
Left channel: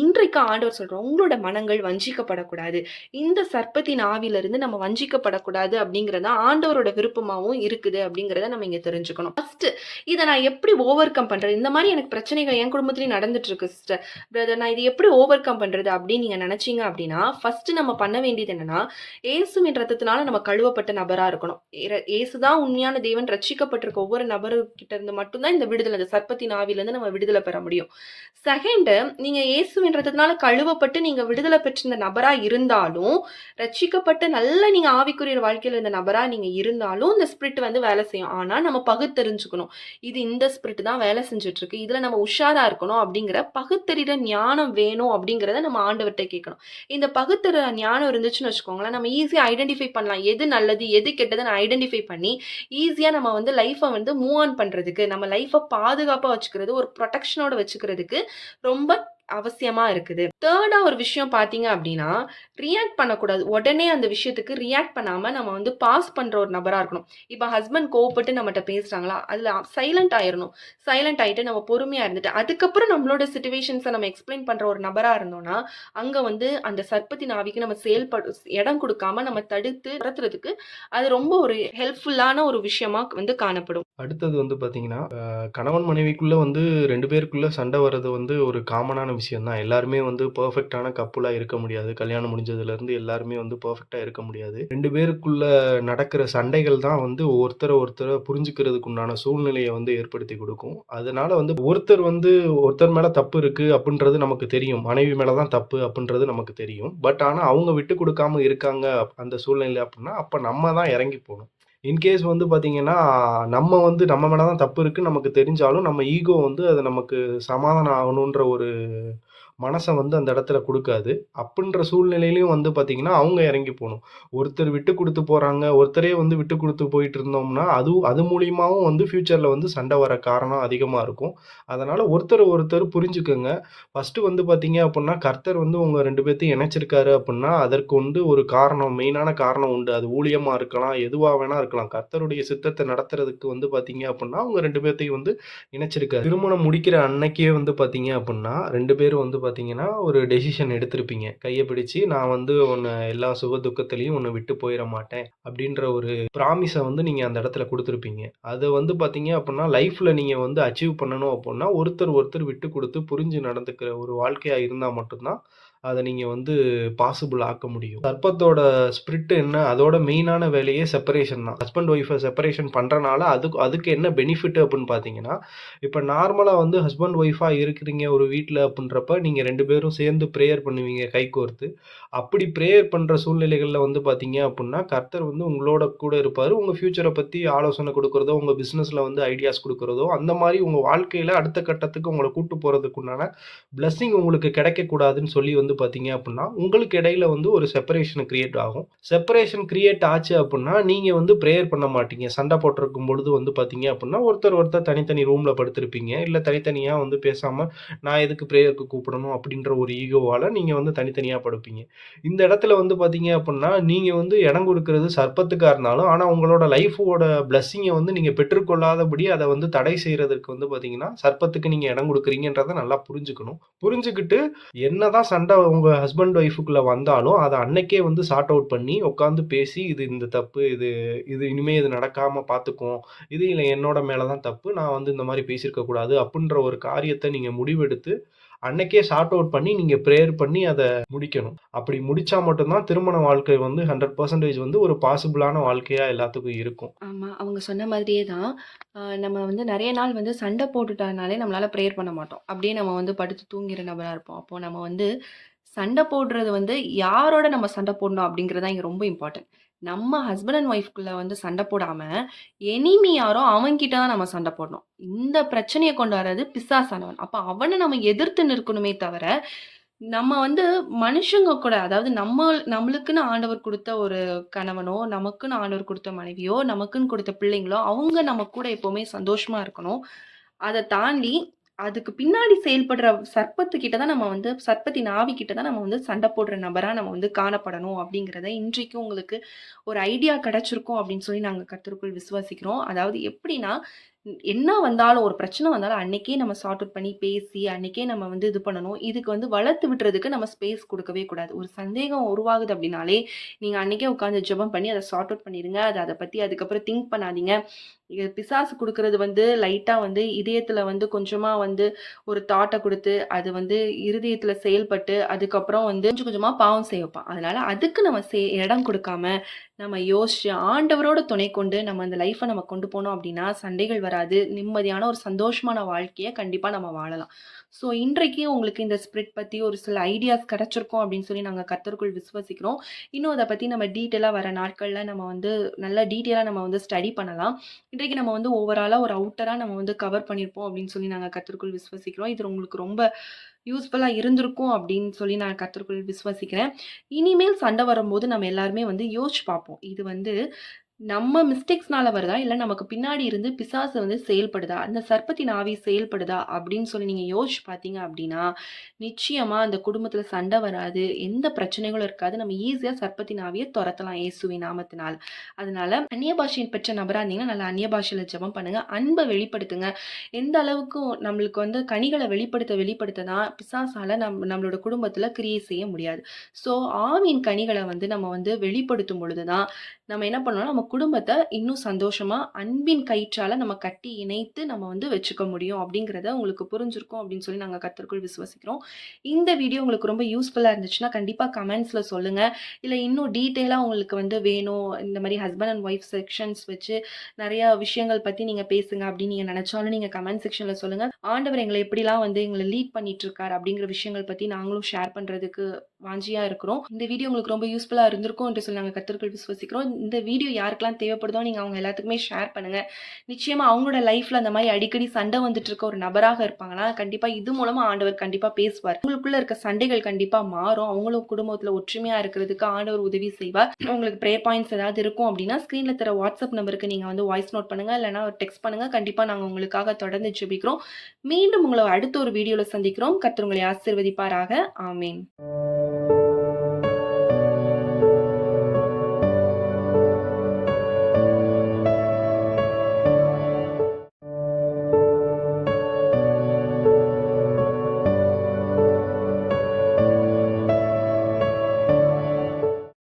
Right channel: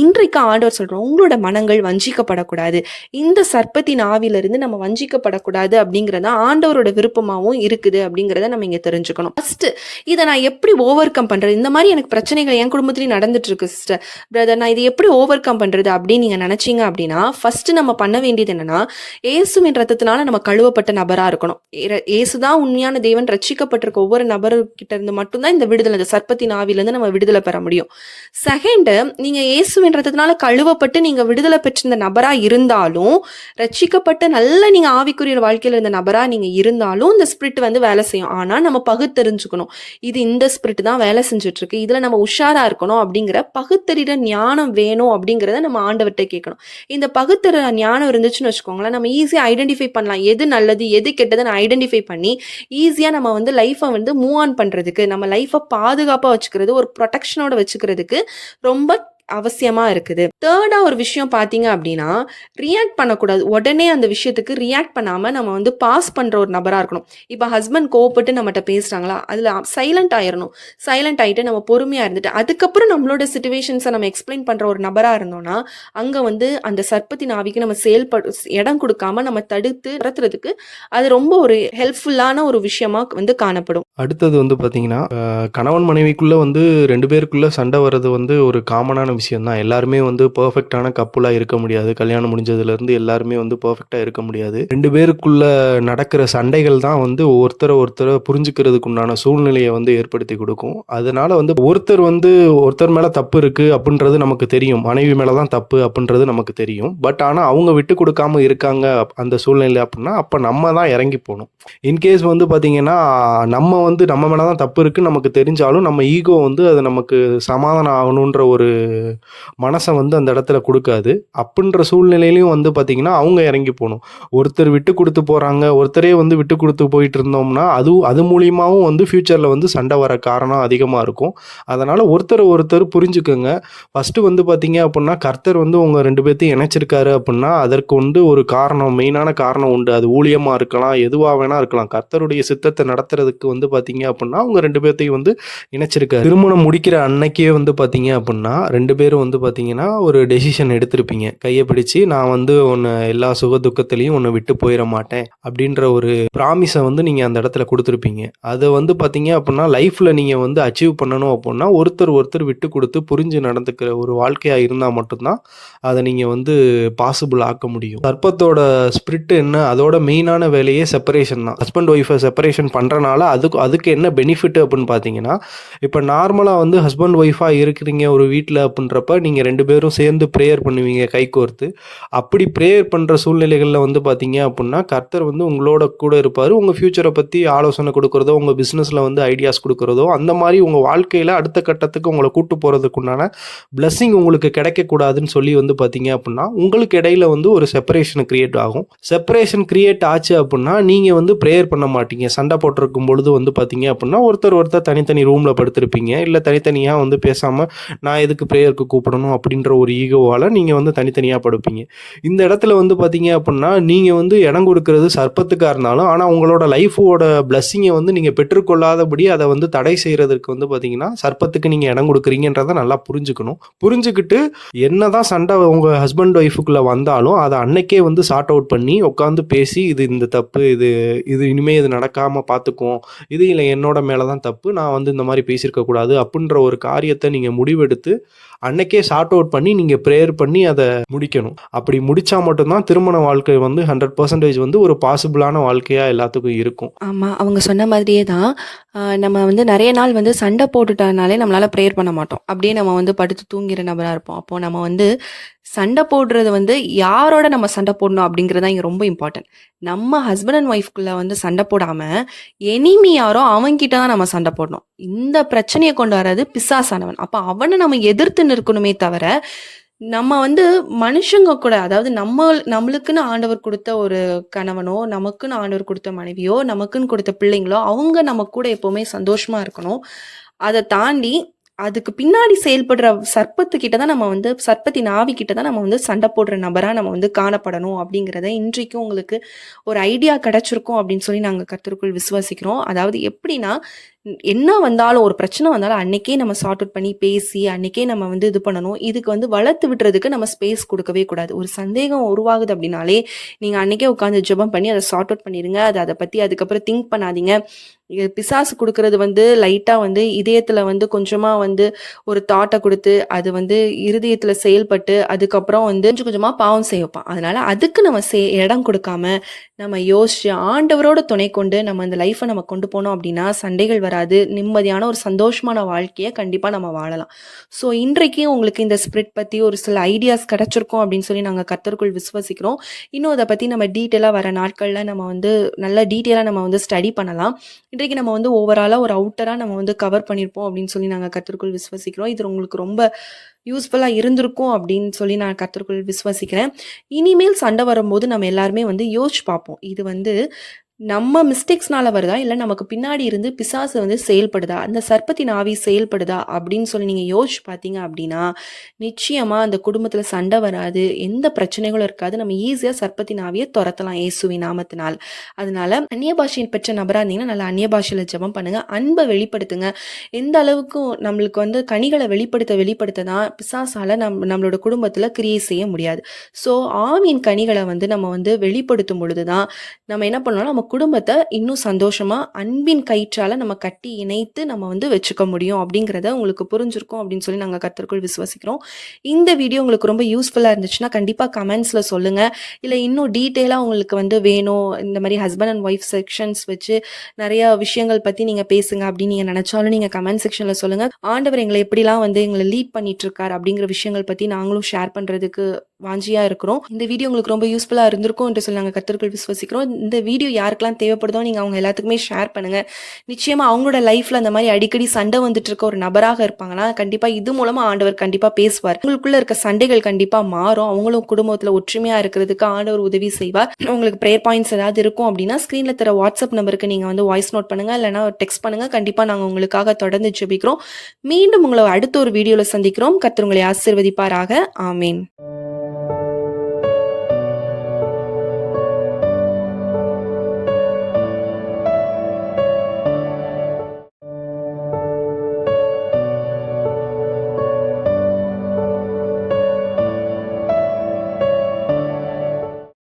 இன்றைக்கு ஆண்டவர் சொல்றோம், உங்களோட மனங்கள் வஞ்சிக்கப்படக்கூடாது. இந்த சர்ப்பத்தின் ஆவியிலிருந்து நம்ம வஞ்சிக்கப்படக்கூடாது அப்படிங்கிறது தான் ஆண்டவரோட விருப்பமாவும் இருக்குது அப்படிங்கிறத நம்ம இங்க தெரிஞ்சுக்கணும். ஃபர்ஸ்ட் இதை நான் எப்படி ஓவர் கம் பண்றது? இந்த மாதிரி எனக்கு பிரச்சனைகள் என் குடும்பத்திலயும் நடந்துட்டு இருக்கு சிஸ்டர். பிரதர், நான் இதை எப்படி ஓவர் கம் பண்றது அப்படின்னு நீங்க நினைச்சீங்க அப்படின்னா, ஃபர்ஸ்ட் நம்ம பண்ண வேண்டியது என்னன்னா, இயேசுவின் ரத்தத்தினால நம்ம கழுவப்பட்ட நபரா இருக்கணும். இயேசுதான் உண்மையான தேவன். ரட்சிக்கப்பட்டிருக்க ஒவ்வொரு நபர்கிட்ட இருந்து மட்டும்தான் இந்த விடுதலை, இந்த சர்ப்பத்தின் ஆவியிலிருந்து நம்ம விடுதலை பெற முடியும். செகண்ட், நீங்க இயேசுவின் ரத்தத்தினால கழுவப்பட்டு நீங்க விடுதலை பெற்றிருந்த நபரா இருந்தாலும், ரட்சிக்கப்பட்ட நல்ல நீங்க ஆவிக்குரிய வாழ்க்கையில இருந்த நபரா நீங்க இருந்தாலும், இந்த ஸ்பிரிட் வந்து வேலை செய்யும். ஆனா நம்ம பகுத்தறிஞ்சுக்கணும். இது இந்த ஸ்பிரிட் தான் வேலை செஞ்சுட்டு இருக்கு. இதுல நம்ம உஷாரா இருக்கணும் அப்படிங்கிற பகுத்தறிகிற ஞானம் வேணும் அப்படிங்கிறத நம்ம ஆண்டவர்ட்ட கேட்கணும். இந்த பகுத்தறிற ஞானம் இருந்துச்சுன்னு வச்சுக்கோங்களேன், நம்ம ஈஸியா ஐடென்டிஃபை பண்ணலாம். எது நல்லது, எது கெட்டதுன்னு ஐடென்டிஃபை பண்ணி, ஈஸியா நம்ம வந்து லைஃப்ப வந்து மூவ் ஆன் பண்றதுக்கு, நம்ம லைஃப்ப பாதுகாப்பா வச்சுக்கிறது, ஒரு புரொடெக்ஷனோட வச்சுக்கிறதுக்கு ரொம்ப அவசியமா இருக்குது. தேர்டா ஒரு விஷயம் பார்த்தீங்க அப்படின்னா, ரியாக்ட் பண்ணக்கூடாது. உடனே அந்த விஷயத்துக்கு ரியாக்ட் பண்ணாம நம்ம வந்து பாஸ் பண்ற ஒரு நபரா இருக்கணும். இப்ப ஹஸ்பண்ட் கோவப்பட்டு நம்மட்ட பேசுறாங்களா, அதுல சைலன்ட் ஆயிரணும். சைலன்ட் ஆயிட்டு நம்ம பொறுமையா இருந்துட்டு, அதுக்கப்புறம் நம்மளோட சிச்சுவேஷன்ஸ நம்ம எக்ஸ்ப்ளைன் பண்ற ஒரு நபரா இருந்தோம்னா, அங்க வந்து அந்த சர்ப்பத்தின் ஆவிக்கு நம்ம இடம் குடுக்காம நம்ம தடுத்து நிறுத்துறதுக்கு, அது ரொம்ப ஒரு ஹெல்ப்ஃபுல்லான ஒரு விஷயமா வந்து காணப்படும். அடுத்தது வந்து பார்த்தீங்கன்னா, கணவன் மனைவிக்குள்ள வந்து 2 பேருக்குள்ள சண்டை வர்றது வந்து ஒரு காமனான விஷயம் தான். எல்லாருமே வந்து பெர்ஃபெக்ட்டான கப்புலா இருக்க முடியாது. கல்யாணம் முடிஞ்சதுலேருந்து எல்லாருமே வந்து பெர்ஃபெக்ட்டா இருக்க முடியாது. 2 பேருக்குள்ள நடக்கிற சண்டைகள் தான் வந்து ஒருத்தர புரிஞ்சுக்கிறதுக்கு உண்டான சூழ்நிலைய வந்து ஏற்படுத்தி குடுக்கும். அதனால வந்து ஒருத்தர் வந்து ஒருத்தர் மேல தப்பு இருக்கு அப்புட்ன்றது நமக்கு தெரியும். மனைவி மேல தான் தப்பு அப்புட்ன்றது நமக்கு தெரியும். பட் ஆனா அவங்க விட்டு குடுக்காம இருக்காங்க அந்த சூழ்நிலை அப்புட்னா, அப்ப நம்ம தான் இறங்கி போணும். இன்கேஸ் வந்து பார்த்தீங்கன்னா, நம்ம மேல தான் தப்பு இருக்குன்னு நமக்கு தெரிஞ்சாலும், நம்ம ஈகோ வந்து அது நமக்கு சமாதானம் ஆகணுன்ற ஒரு மனச வந்து அந்த இடத்துல குடுக்காது. அப்புட்ன்ற சூழ்நிலையிலயும் வந்து பார்த்தீங்கன்னா, அவங்க இறங்கி போணும். ஒருத்தர் விட்டு குடுத்து போறாங்க, ஒருத்தரே வந்து விட்டு குடுத்து போயிட்டுருந்தோம்னா, அது மூலியமாவும் வந்து ஃபியூச்சர்ல வந்து சண்டை வர காரணம் அதிகமா இருக்கும். அதனால ஒருத்தர ஒருத்தர் புரிஞ்சுக்கங்க. ஃபர்ஸ்ட்டு வந்து பார்த்தீங்க அப்புட்னா, கர்த்தர் வந்து உங்க 2 பேத்தையும் இணைச்சிருக்காரு அப்புட்னா, அதற்கு வந்து ஒரு காரணம், மெயினான காரணம் உண்டு. அது ஊழியமா இருக்கலாம், எதுவா வேணா இருக்கலாம். கர்த்தருடைய சித்தத்த நடத்துறதுக்கு வந்து பார்த்தீங்க அப்புட்னா, உங்க 2 பேத்தையும் வந்து இணைச்சிருக்காரு. திருமணம் முடிக்கிற அன்னைக்கே வந்து பார்த்தீங்க அப்புட்னா, 2 பேரும் வந்து பார்த்தீங்கன்னா, ஒரு டெசிஷன் எடுத்திருப்பீங்க. கைய பிடிச்சு, நான் வந்து உன்ன எல்லா சுக துக்கத்திலயும் உன்ன விட்டு போயிற மாட்டேன். அப்படின்ற ஒரு ப்ராமிஸ வந்து நீங்க அந்த இடத்துல குடுத்திருப்பீங்க. அத வந்து பார்த்தீங்க அப்புட்னா, லைஃப்ல நீங்க வந்து அச்சீவ் பண்ணணும் அப்புட்னா, ஒருத்தர் ஒருத்தர் விட்டு குடுத்து புரிஞ்சு நடந்துக்கிற ஒரு வாழ்க்கையா இருந்தா மட்டும் தான், அத நீங்க வந்து பாசிபிள் ஆக்க முடியும். சர்ப்பத்தோட ஸ்பிரிட் என்ன? அதோட மெயினான வேலையே செப்பரேஷன் தான். ஹஸ்பண்ட் ஒய்ஃப செப்பரேஷன் பண்றனால, அதுக்கு அதுக்கு என்ன பெனிஃபிட் அப்புட்ன்னு பார்த்தீங்கன்னா, இப்ப நார்மலா வந்து ஹஸ்பண்ட் ஒய்ஃபா இருக்கிறீங்க ஒரு வீட்ல அப்புட்ன்றப்ப, நீங்க 2 பேரும் சேர்ந்து பிரேயர் பண்ணுவீங்க கைகோர்த்து. அப்படி பிரேயர் பண்ற சூழ்நிலைகள்ல வந்து பார்த்தீங்க அப்புட்னா, கர்த்தர் வந்து உங்களோட கூட இருப்பாரு. உங்க ஃபியூச்சர பத்தி ஆலோசனை குடுக்குறதோ, உங்க பிசினஸ்ல வந்து ஐடியாஸ் குடுக்குறதோ, அந்த மாரி உங்க வாழ்க்கையில அடுத்த கட்டத்துக்கு உங்கள கூட்டு போறதுக்குண்டான பிளெஸ்ஸிங் உங்களுக்கு கிடைக்கக்கூடாதுன்னு சொல்லி வந்து பார்த்தீங்க அப்புட்னா, உங்களுக்கு இடையில வந்து ஒரு செப்பரேஷன் கிரியேட் ஆகும். செப்பரேஷன் கிரியேட் ஆச்சு அப்புட்னா, நீங்க வந்து பிரேயர் பண்ண மாட்டீங்க. சண்டை போட்டுருக்கும் பொழுது வந்து பார்த்தீங்க அப்புட்னா, ஒருத்தர் தனித்தனி ரூம்ல படுத்திருப்பீங்க. இல்ல தனித்தனியா வந்து பேசாம, நான் எதுக்கு பிரேயருக்கு கூப்பிடணும் அப்படின்ற ஒரு ஈகோவால நீங்க வந்து தனித்தனியா படுப்பீங்க. இந்த இடத்துல வந்து பார்த்தீங்க அப்புட்னா, நீங்க வந்து இடம் குடுக்குறது சர்ப்பத்துக்கா இருந்தாலும், ஆனா உங்களோட லைஃபோட பிளெஸ்ஸிங்க வந்து நீங்க பெற்றுக்கொள்ளாதபடி அத வந்து தடை செய்றதற்கு வந்து பார்த்தீங்கன்னா, சர்ப்பத்துக்கு நீங்க இடம் குடுக்குறீங்கன்றத நல்லா புரிஞ்சுக்கணும். புரிஞ்சுகிட்டு என்னதான் சண்டை உங்க ஹஸ்பண்ட் ஒய்ஃப்க்குள்ள வந்தாலும், அத அன்னைக்கே வந்து சார்ட் அவுட் பண்ணி உட்காந்து பேசி, இது இந்த தப்பு, இது இது இனிமே இது நடக்காம பார்த்துக்குவோம். இது இல்ல என்னோட மேல தான் தப்பு. நான் வந்து இந்த மாரி பேசியிருக்க கூடாது. அப்புட்ன்ற ஒரு காரியத்த நீங்க முடிவெடுத்து, அன்னைக்கே சார்ட் அவுட் பண்ணி நீங்க பிரேயர் பண்ணி அத முடிக்கணும். அப்படி முடிச்சா மட்டும் தான் திருமண வாழ்க்கை வந்து 100% வந்து ஒரு பாசிபிளான வாழ்க்கையா எல்லாத்துக்கும் இருக்கும். ஆமா. அவங்க சொன்ன மாதிரியே தான். நம்ம வந்து நெறைய நாள் வந்து சண்டை போட்டுட்டனாலே நம்மளால ப்ரேயர் பண்ண மாட்டோம். அப்படியே நம்ம வந்து படுத்து தூங்கிற நபரா இருப்போம். அப்போ நம்ம வந்து சண்டை போடுறது வந்து யாரோட நம்ம சண்டை போடணும் அப்படிங்கிறது தான் இங்க ரொம்ப இம்பார்ட்டன்ட். நம்ம ஹஸ்பண்ட் அண்ட் ஒய்ஃப்குள்ள வந்து சண்டை போடாம, எனிமி யாரோ அவன்கிட்ட தான் நம்ம சண்டை போடணும். இந்த பிரச்சனைய கொண்டு வர்றது பிசாசானவன். அப்ப அவன நம்ம எதிர்த்து நிற்கணுமே தவிர, நம்ம வந்து மனுஷங்க கூட அதாவது நம்மளுக்குன்னு ஆண்டவர் குடுத்த ஒரு கணவனோ, நமக்குன்னு ஆண்டவர் குடுத்த மனைவியோ, நமக்குன்னு குடுத்த பிள்ளைங்களோ, அவங்க நம்ம கூட எப்பவுமே சந்தோஷமா இருக்கணும். அத தாண்டி அதுக்கு பின்னாடி செயல்படுற சர்ப்பத்துக்கிட்ட தான் நம்ம வந்து சர்ப்பத்தின் ஆவிக்கிட்ட தான் நம்ம வந்து சண்டை போடுற நபரா நம்ம வந்து காணப்படணும் அப்படிங்கிறத இன்றைக்கும் உங்களுக்கு ஒரு ஐடியா கிடைச்சிருக்கும் அப்படின்னு சொல்லி நாங்க கர்த்தருக்குள் விசுவாசிக்கிறோம். அதாவது எப்படின்னா, என்ன வந்தாலும் ஒரு பிரச்சனை வந்தாலும் அன்னைக்கே நம்ம சார்ட் அவுட் பண்ணி பேசி, அன்னைக்கே நம்ம வந்து இது பண்ணணும். இதுக்கு வந்து வளர்த்து விடுறதுக்கு நம்ம ஸ்பேஸ் குடுக்கவே கூடாது. ஒரு சந்தேகம் உருவாகுது அப்படின்னாலே, நீங்க அன்னைக்கே உட்கார்ந்து ஜெபம் பண்ணி அத சார்ட் அவுட் பண்ணிருங்க. அத பத்தி அதுக்கப்புறம் திங்க் பண்ணாதீங்க. பிசாசு குடுக்குறது வந்து லைட்டா வந்து இதயத்துல வந்து கொஞ்சமா வந்து ஒரு தாட்ட குடுத்து, அது வந்து இருதயத்துல செயல்பட்டு, அதுக்கப்புறம் வந்து கொஞ்சம் கொஞ்சமா பாவம் செய்ய வைப்பான். அதனால அதுக்கு நம்ம இடம் குடுக்காம, நம்ம யோசிச்சு ஆண்டவரோட துணை கொண்டு நம்ம இந்த லைஃப்ப நம்ம கொண்டு போனோம் அப்டின்னா, சண்டைகள் வராது. நிம்மதியான ஒரு சந்தோஷமான வாழ்க்கைய கண்டிப்பா நம்ம வாழலாம். ஸோ இன்றைக்கு உங்களுக்கு இந்த ஸ்பிரிட் பத்தி ஒரு சில ஐடியாஸ் கிடைச்சிருக்கும் அப்டின்னு சொல்லி நாங்க கர்த்தருக்குள் விசுவாசிக்கிறோம். இன்னும் அத பத்தி நம்ம டீட்டெயிலா வர நாட்கள்ல நம்ம வந்து நல்லா டீட்டெயிலா நம்ம வந்து ஸ்டடி பண்ணலாம். இன்றைக்கு நம்ம வந்து ஓவராலா ஒரு அவுட்டரா நம்ம வந்து கவர் பண்ணியிருப்போம் அப்படின்னு சொல்லி நாங்க கர்த்தருக்குள் விசுவாசிக்கிறோம். இது உங்களுக்கு ரொம்ப யூஸ்ஃபுல்லா இருந்திருக்கும் அப்படின்னு சொல்லி நான் கர்த்தருக்குள் விசுவாசிக்கிறேன். இனிமேல் சண்டை வரும்போது நம்ம எல்லாருமே வந்து யோசிச்சு பார்ப்போம். இது வந்து நம்ம மிஸ்டேக்ஸ்னால வருதா? இல்ல நமக்கு பின்னாடி இருந்து பிசாசு வந்து செயல்படுதா? அந்த சர்ப்பத்தின் ஆவி செயல்படுதா? அப்படின்னு சொல்லி நீங்க யோசிச்சு பார்த்தீங்க அப்படின்னா, நிச்சயமா அந்த குடும்பத்தில சண்டை வராது. எந்த பிரச்சனைகளும் இருக்காது. நம்ம ஈஸியா சர்ப்பத்தின் ஆவிய தொரத்தலாம் இயேசுவின் நாமத்தினால். அதனால அந்நிய பாஷை பெற்ற நபரா இருந்தீங்கன்னா, நல்லா அந்நிய பாஷையில ஜெபம் பண்ணுங்க. அன்ப வெளிப்படுத்துங்க. எந்த அளவுக்கு நம்மளுக்கு வந்து கனிகள வெளிப்படுத்த தான் பிசாசால நம்மளோட குடும்பத்தில கிரியை செய்ய முடியாது. ஸோ ஆவியின் கனிகள வந்து நம்ம வந்து வெளிப்படுத்தும் பொழுது தான் நம்ம என்ன பண்ணோம்னா, நம்ம குடும்பத்த இன்னும் சந்தோஷமா, அன்பின் கயிற்றால நம்ம கட்டி இணைத்து நம்ம வந்து வச்சுக்க முடியும் அப்படிங்கிறத உங்களுக்கு புரிஞ்சிருக்கும் அப்படின்னு சொல்லி நாங்க கர்த்தருக்குள் விசுவாசிக்கிறோம். இந்த வீடியோ உங்களுக்கு ரொம்ப யூஸ்ஃபுல்லா இருந்துச்சுன்னா, கண்டிப்பா கமெண்ட்ஸ்ல சொல்லுங்க. இல்ல இன்னும் டீட்டெயிலா உங்களுக்கு வந்து வேணும், இந்த மாரி ஹஸ்பண்ட் அண்ட் ஒய்ஃப் செக்ஷன்ஸ் வச்சு நெறைய விஷயங்கள் பத்தி நீங்க பேசுங்க அப்படின்னு நீங்க நெனச்சாலும் நீங்க கமெண்ட் செக்ஷன்ல சொல்லுங்க. ஆண்டவர் எங்கள எப்படிலாம் வந்து எங்கள லீட் பண்ணிட்டு இருக்காரு அப்படிங்கிற விஷயங்கள் பத்தி நாங்களும் ஷேர் பண்றதுக்கு வாஞ்சியா இருக்கிறோம். இந்த வீடியோ உங்களுக்கு ரொம்ப யூஸ்ஃபுல்லா இருந்திருக்கும் என்று சொல்லி நாங்க கர்த்தருக்குள் விசுவாசிக்கிறோம். இந்த வீடியோ யாருக்கெல்லாம் தேவைப்படுதோ நீங்க அவங்க எல்லாத்துக்குமே ஷேர் பண்ணுங்க. நிச்சயமா அவங்களோட லைஃப்ல அந்த மாரி அடிக்கடி சண்டை வந்துட்டு இருக்க ஒரு நபராக இருப்பாங்கன்னா, கண்டிப்பா இது மூலமா ஆண்டவர் கண்டிப்பா பேசுவார். உங்களுக்குள்ள இருக்க சண்டைகள் கண்டிப்பா மாறும். அவங்களும் குடும்பத்துல ஒற்றுமையா இருக்கிறதுக்கு ஆண்டவர் உதவி செய்வார். உங்களுக்கு பிரேயர் பாயிண்ட்ஸ் ஏதாவது இருக்கும் அப்படின்னா, ஸ்க்ரீன்ல தர வாட்ஸ்அப் நம்பருக்கு நீங்க வந்து வாய்ஸ் நோட் பண்ணுங்க. இல்லன்னா டெக்ஸ்ட் பண்ணுங்க. கண்டிப்பா நாங்க உங்களுக்காக தொடர்ந்து ஜெபிக்கிறோம். மீண்டும் உங்கள அடுத்த ஒரு வீடியோல சந்திக்கிறோம். கர்த்தர் உங்களை ஆசீர்வதிப்பாராக. ஆமென்.